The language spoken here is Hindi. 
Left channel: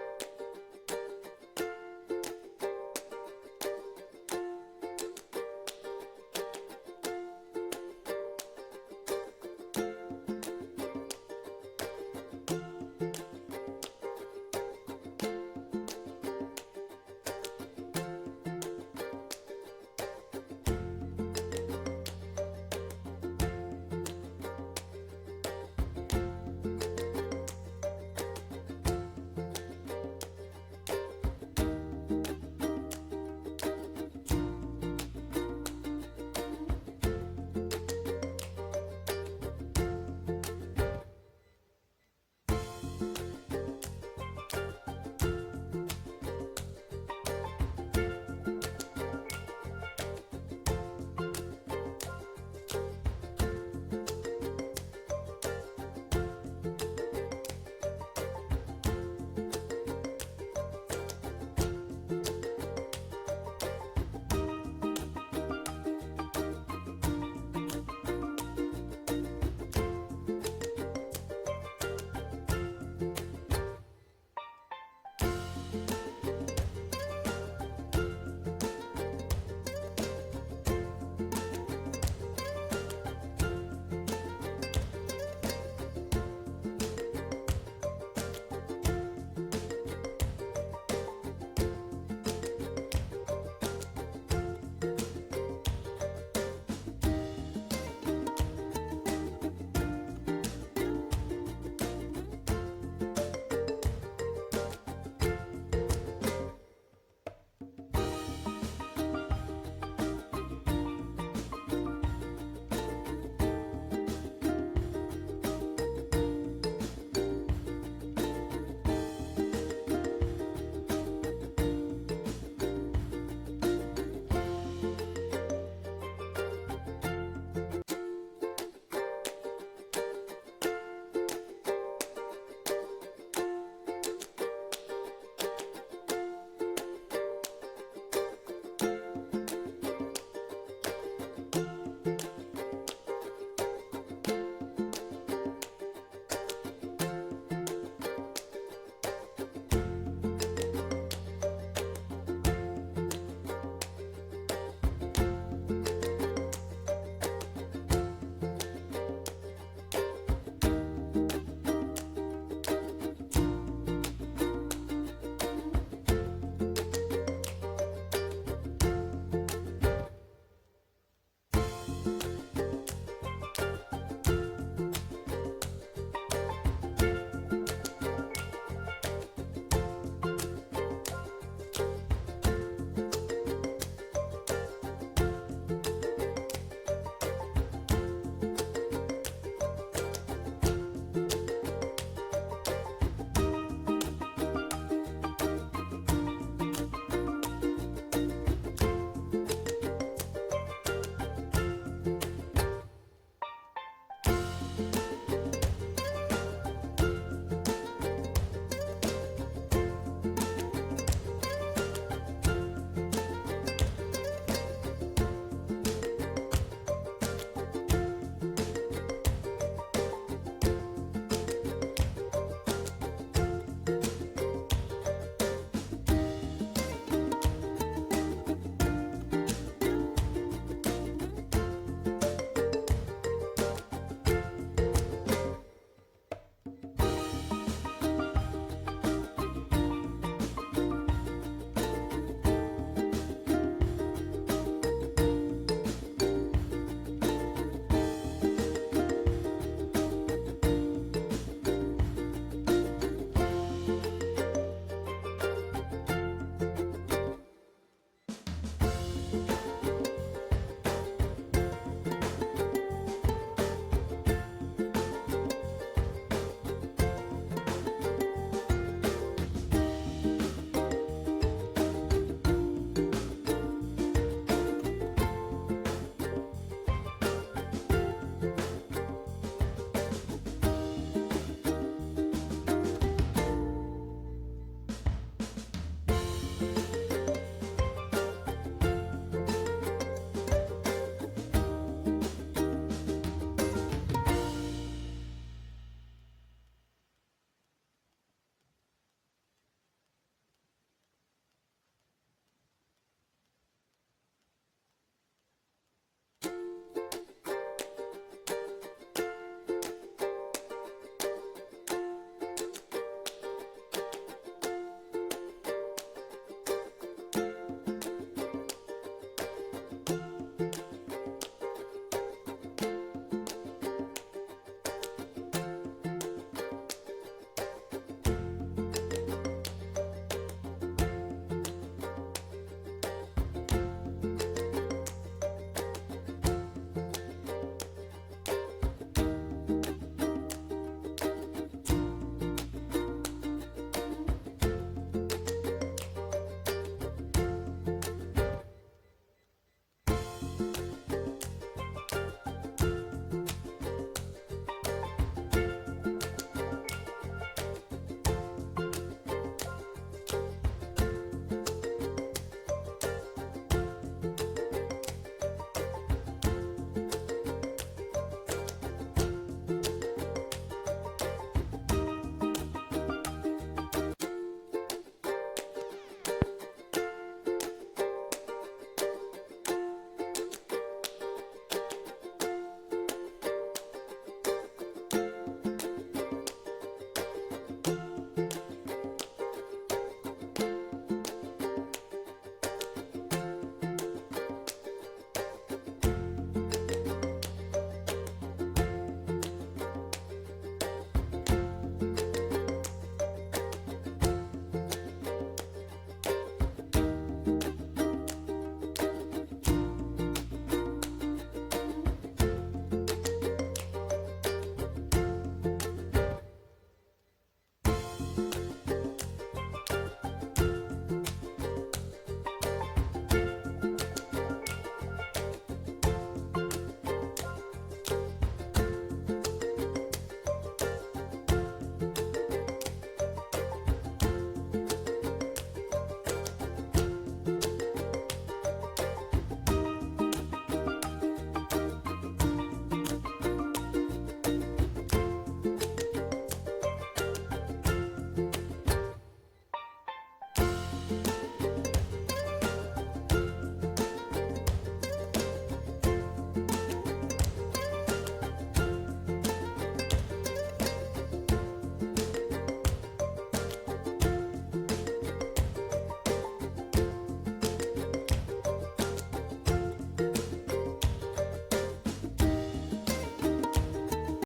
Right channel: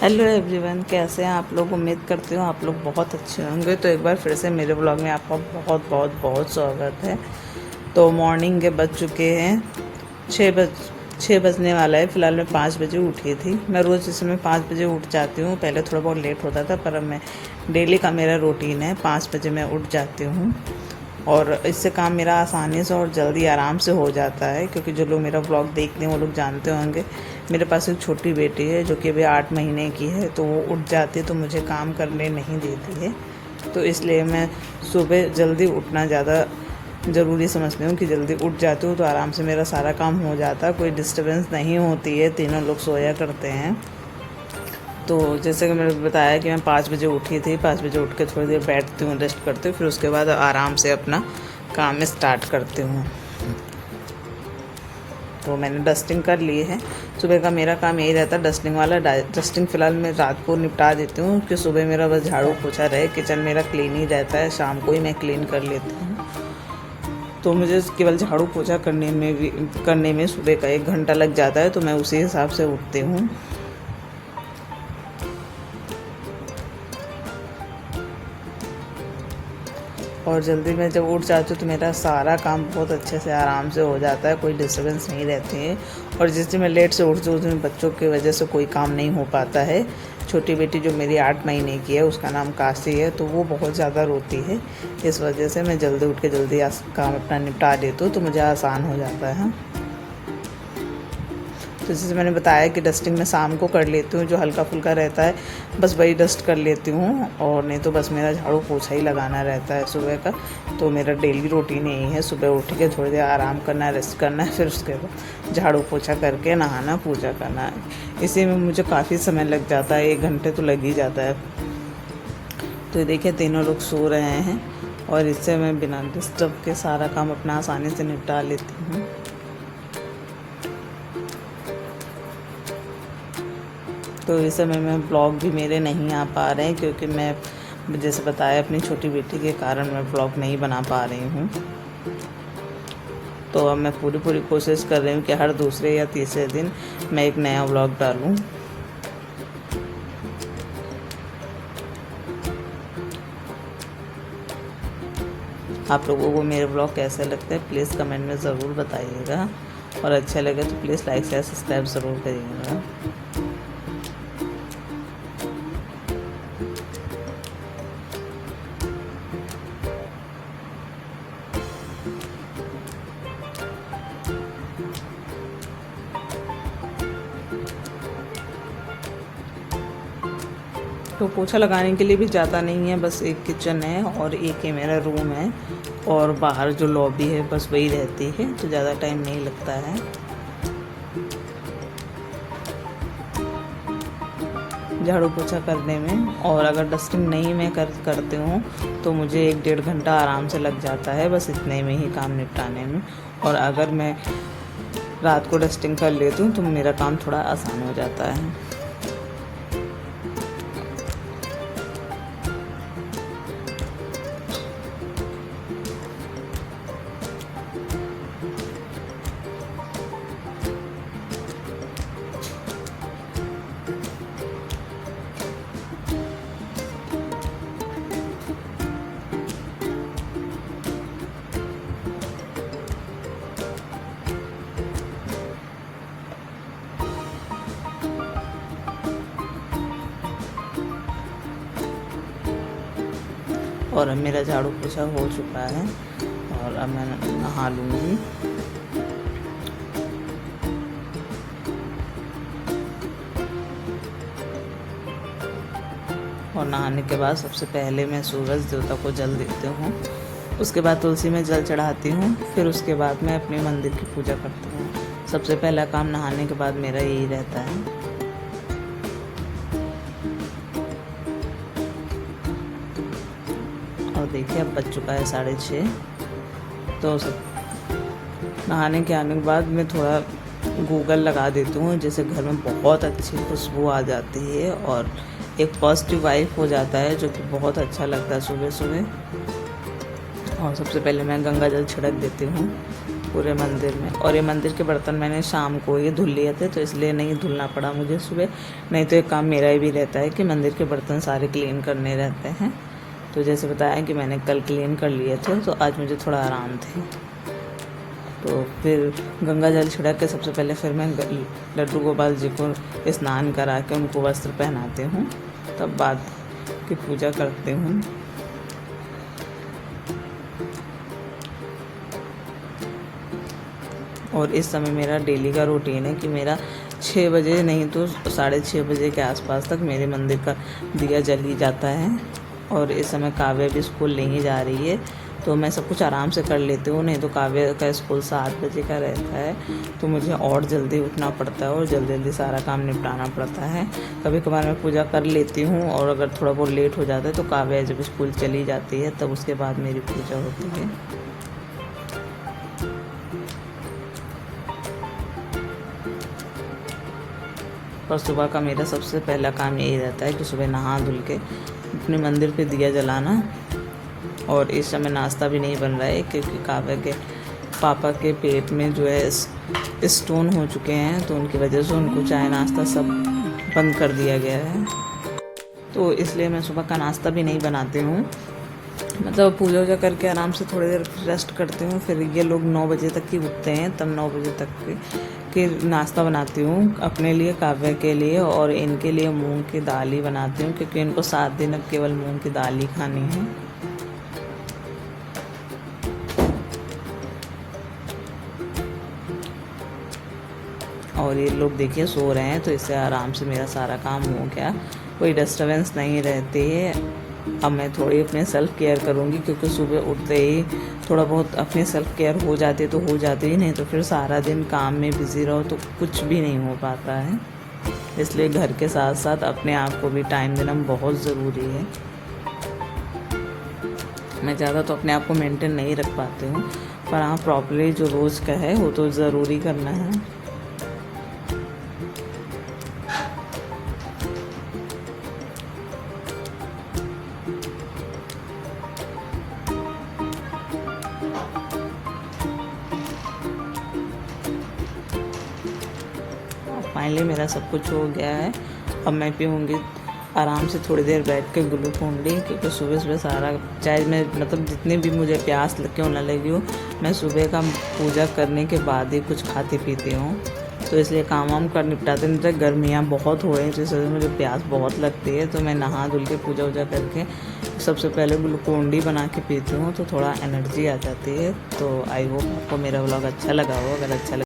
हेलो एवरीवन, कैसे हैं आप लोग। उम्मीद करती हूँ आप लोग बहुत अच्छे होंगे। तो एक बार फिर से मेरे ब्लॉग में आपका बहुत बहुत बहुत स्वागत है। तो मॉर्निंग के बज चुके हैं 6 बजने वाला है। फ़िलहाल मैं 5 बजे उठी थी। मैं रोज़ इस समय 5 बजे उठ जाती हूँ। पहले थोड़ा बहुत लेट होता था, पर अब मैं डेली का मेरा रूटीन है, 5 बजे मैं उठ जाती हूँ। और इससे काम मेरा आसानी से और जल्दी आराम से हो जाता है, क्योंकि जो लोग मेरा ब्लॉग देखते हैं वो लोग जानते होंगे मेरे पास एक छोटी बेटी है जो कि अभी 8 महीने की है। तो वो उठ जाती है तो मुझे काम करने नहीं देती है। तो इसलिए मैं सुबह जल्दी उठना ज़्यादा ज़रूरी समझती हूँ कि जल्दी उठ जाती हूँ तो आराम से मेरा सारा काम हो जाता है, कोई डिस्टर्बेंस नहीं होती है, तीनों लोग सोया करते हैं। तो जैसे कि मैंने बताया कि मैं 5 बजे उठी थी। 5 बजे उठ के थोड़ी देर बैठती हूँ, रेस्ट करती हूँ, फिर उसके बाद आराम से अपना काम स्टार्ट करती हूँ। तो मैंने डस्टिंग कर ली है। सुबह का मेरा काम यही रहता है, डस्टिंग वाला। डस्टिंग फ़िलहाल मैं रात को निपटा देती हूँ कि सुबह मेरा बस झाड़ू पोछा रहे, किचन मेरा क्लीन ही रहता है, शाम को ही मैं क्लीन कर लेती हूँ। तो मुझे केवल झाड़ू पोछा करने में सुबह का 1 घंटा लग जाता है। तो मैं उसी हिसाब से उठती हूँ। और जल्दी मैं जब उठ जाती हूँ तो मेरा सारा काम बहुत अच्छे से आराम से हो जाता है, कोई डिस्टर्बेंस नहीं रहती है। और जिस दिन मैं लेट से उठती हूँ उस दिन बच्चों की वजह से कोई काम नहीं हो पाता है। छोटी बेटी जो मेरी 8 महीने की है, उसका नाम काशी है, तो वो बहुत ज़्यादा रोती है। इस वजह से मैं जल्दी उठ के जल्दी काम अपना निपटा देती हूँ, तो मुझे आसान हो जाता है। तो जैसे मैंने बताया कि डस्टिंग मैं शाम को कर लेती हूँ, जो हल्का फुल्का रहता है बस वही डस्ट कर लेती हूँ। और नहीं तो बस मेरा झाड़ू पोछा ही लगाना रहता है सुबह का। तो मेरा डेली रूटीन यही है, सुबह उठ के थोड़ी देर आराम करना, रेस्ट करना है, फिर उसके बाद झाड़ू पोछा करके नहाना, पूजा करना है। इसी में मुझे काफ़ी समय लग जाता है, 1 घंटे तो लग ही जाता है। तो देखिए तीनों लोग सो रहे हैं और इससे मैं बिना डिस्टर्ब के सारा काम अपना आसानी से निपटा लेती हूँ। तो इस समय में ब्लॉग भी मेरे नहीं आ पा रहे हैं, क्योंकि मैं जैसे बताया अपनी छोटी बेटी के कारण मैं ब्लॉग नहीं बना पा रही हूँ। तो अब मैं पूरी कोशिश कर रही हूँ कि हर दूसरे या तीसरे दिन मैं एक नया ब्लॉग डालूँ। आप लोगों को मेरे ब्लॉग कैसे लगते हैं प्लीज़ कमेंट में ज़रूर बताइएगा, और अच्छा लगे तो प्लीज़ लाइक शेयर सब्सक्राइब ज़रूर करिएगा। तो पोछा लगाने के लिए भी ज़्यादा नहीं है, बस एक किचन है और एक ही मेरा रूम है, और बाहर जो लॉबी है बस वही रहती है, तो ज़्यादा टाइम नहीं लगता है झाड़ू पोछा करने में। और अगर डस्टिंग नहीं मैं करती हूँ तो मुझे 1-1.5 घंटा आराम से लग जाता है, बस इतने में ही काम निपटाने में। और अगर मैं रात को डस्टिंग कर लेती हूँ तो मेरा काम थोड़ा आसान हो जाता है। और अब मेरा झाड़ू पोछा हो चुका है और अब मैं नहा लूँगी। और नहाने के बाद सबसे पहले मैं सूरज देवता को जल देती हूँ, उसके बाद तुलसी में जल चढ़ाती हूँ, फिर उसके बाद मैं अपने मंदिर की पूजा करती हूँ। सबसे पहला काम नहाने के बाद मेरा यही रहता है। देखिए अब बज चुका है 6:30। तो नहाने के आने के बाद मैं थोड़ा गूगल लगा देती हूँ, जैसे घर में बहुत अच्छी खुशबू आ जाती है और एक पॉजिटिव वाइब हो जाता है, जो कि बहुत अच्छा लगता है सुबह सुबह। और सबसे पहले मैं गंगा जल छिड़क देती हूँ पूरे मंदिर में। और ये मंदिर के बर्तन मैंने शाम को ये धुल लिए थे, तो इसलिए नहीं धुलना पड़ा मुझे सुबह, नहीं तो एक काम मेरा ही भी रहता है कि मंदिर के बर्तन सारे क्लीन करने रहते हैं। तो जैसे बताया कि मैंने कल क्लीन कर लिए थे, तो आज मुझे थोड़ा आराम थे। तो फिर गंगा जल छिड़क के सबसे पहले फिर मैं लड्डू गोपाल जी को स्नान करा के उनको वस्त्र पहनाती हूँ, तब बाद की पूजा करती हूँ। और इस समय मेरा डेली का रूटीन है कि मेरा 6 बजे नहीं तो 6:30 बजे के आसपास तक मेरे मंदिर का दिया जल ही जाता है। और इस समय काव्य भी स्कूल नहीं जा रही है, तो मैं सब कुछ आराम से कर लेती हूँ, नहीं तो काव्य का स्कूल 7 बजे का रहता है, तो मुझे और जल्दी उठना पड़ता है और जल्दी जल्दी सारा काम निपटाना पड़ता है। कभी कभार मैं पूजा कर लेती हूँ, और अगर थोड़ा बहुत लेट हो जाता है तो काव्य जब स्कूल चली जाती है तब उसके बाद मेरी पूजा होती है। और सुबह का मेरा सबसे पहला काम यही रहता है कि सुबह नहा धुल के अपने मंदिर पे दिया जलाना। और इस समय नाश्ता भी नहीं बन रहा है क्योंकि काव्य के पापा के पेट में जो है स्टोन हो चुके हैं, तो उनकी वजह से उनको चाय नाश्ता सब बंद कर दिया गया है। तो इसलिए मैं सुबह का नाश्ता भी नहीं बनाती हूँ, मतलब पूजा वूजा करके आराम से थोड़ी देर रेस्ट करती हूँ। फिर ये लोग 9 बजे तक ही उठते हैं, तब 9 बजे तक के नाश्ता बनाती हूँ अपने लिए, काव्य के लिए, और इनके लिए मूंग की दाल ही बनाती हूँ क्योंकि इनको 7 दिन अब केवल मूंग की दाल ही खानी है। और ये लोग देखिए सो रहे हैं, तो इससे आराम से मेरा सारा काम हो गया, कोई डिस्टर्बेंस नहीं रहती है। अब मैं थोड़ी अपने सेल्फ़ केयर करूँगी क्योंकि सुबह उठते ही थोड़ा बहुत अपनी सेल्फ़ केयर हो जाती है तो हो जाती ही, नहीं तो फिर सारा दिन काम में बिज़ी रहो तो कुछ भी नहीं हो पाता है। इसलिए घर के साथ साथ अपने आप को भी टाइम देना बहुत ज़रूरी है। मैं ज़्यादा तो अपने आप को मेंटेन नहीं रख पाती हूँ, पर हाँ प्रॉपर्ली जो रोज़ का है वो तो ज़रूरी करना है। फाइनली मेरा सब कुछ हो गया है। अब मैं पीऊँगी आराम से थोड़ी देर बैठ के ग्लूकोन डी, क्योंकि सुबह सुबह सारा चाहे मैं मतलब जितनी भी मुझे प्यास क्यों ना लगी हो, मैं सुबह का पूजा करने के बाद ही कुछ खाती पीती हूँ। तो इसलिए काम वाम कर निपटाते नहीं, गर्मियाँ बहुत हो रही हैं, जिस वजह से मुझे प्यास बहुत लगती है। तो मैं नहा धुल के पूजा वूजा करके सबसे पहले ग्लूकोन डी बना के पीती हूँ, तो थोड़ा एनर्जी आ जाती है। तो आई होप आपको मेरा व्लॉग अच्छा लगा हो। अगर अच्छा